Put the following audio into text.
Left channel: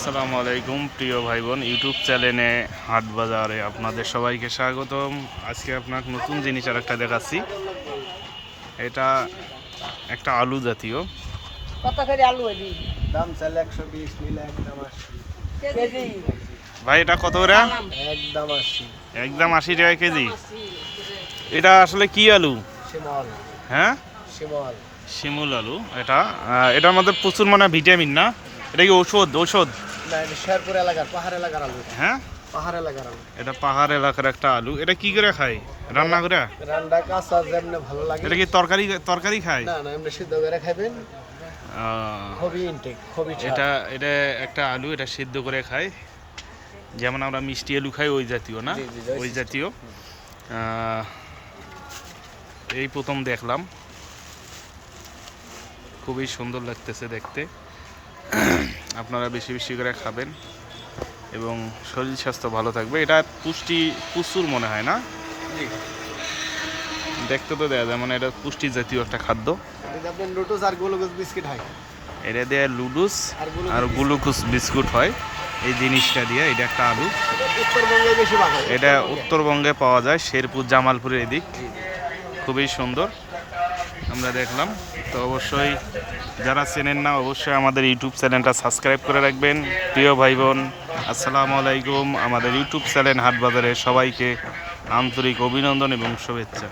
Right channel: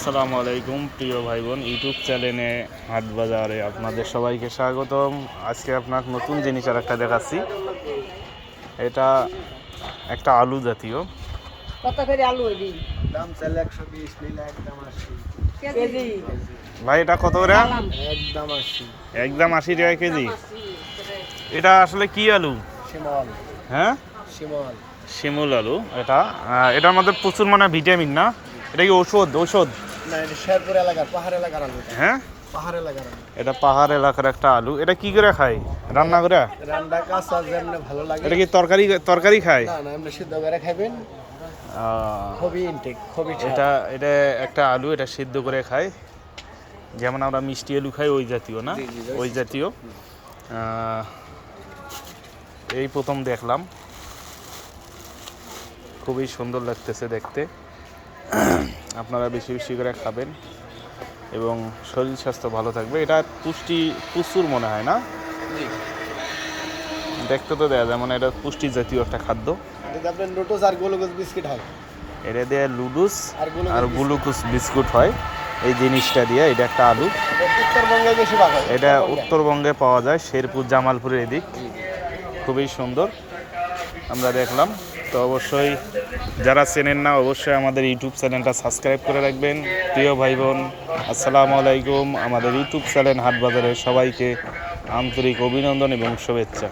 আসসালামু আলাইকুম প্রিয় ভাই বোন, ইউটিউব চ্যানেলে হাট বাজারে আপনাদের সবাইকে স্বাগতম। আজকে আপনাকে নতুন জিনিস আর একটা দেখাচ্ছি। এটা একটা আলু জাতীয়। ভাই এটা কত করে? একদম 80 টাকা কেজি। এটা আসলে কি আলু? হ্যাঁ, শিমুল আলু। এটার মধ্যে প্রচুর মানে ভিটামিন, না? এটা কি ঔষধ? হ্যাঁ, এটা পাহাড় এলাকার একটা আলু। এটা কি করে খায়? রান্না করে? এটা কি তরকারি খায়? এটা এটা একটা আলু, এটা সিদ্ধ করে খায়, যেমন আমরা মিষ্টি আলু খাই ওই জাতীয়, না? ওই জাতীয়। এই প্রথম দেখলাম, খুবই সুন্দর লাগতেছে দেখতে। আপনারা বেশি বেশি করে খাবেন এবং শরীর স্বাস্থ্য ভালো থাকবে। এটা পুষ্টি প্রচুর মনে হয়, না? দেখতে তো দেয়া যায়, মানে এটা পুষ্টি জাতীয় একটা খাদ্য। এটা দিয়ে লুডুস আর গ্লুকোজ বিস্কুট হয়। এই জিনিসটা দিয়ে, এটা একটা আলু। এটা উত্তরবঙ্গে পাওয়া যায়, শেরপুর জামালপুরের এদিক। খুবই সুন্দর আমরা দেখলাম। তো অবশ্যই যারা চেনেন না, অবশ্যই আমাদের ইউটিউব চ্যানেলটা সাবস্ক্রাইব করে রাখবেন। প্রিয় ভাই বোন, আসসালামু আলাইকুম। আমাদের ইউটিউব চ্যানেল হাট বাজারে সবাইকে আন্তরিক অভিনন্দন এবং শুভেচ্ছা।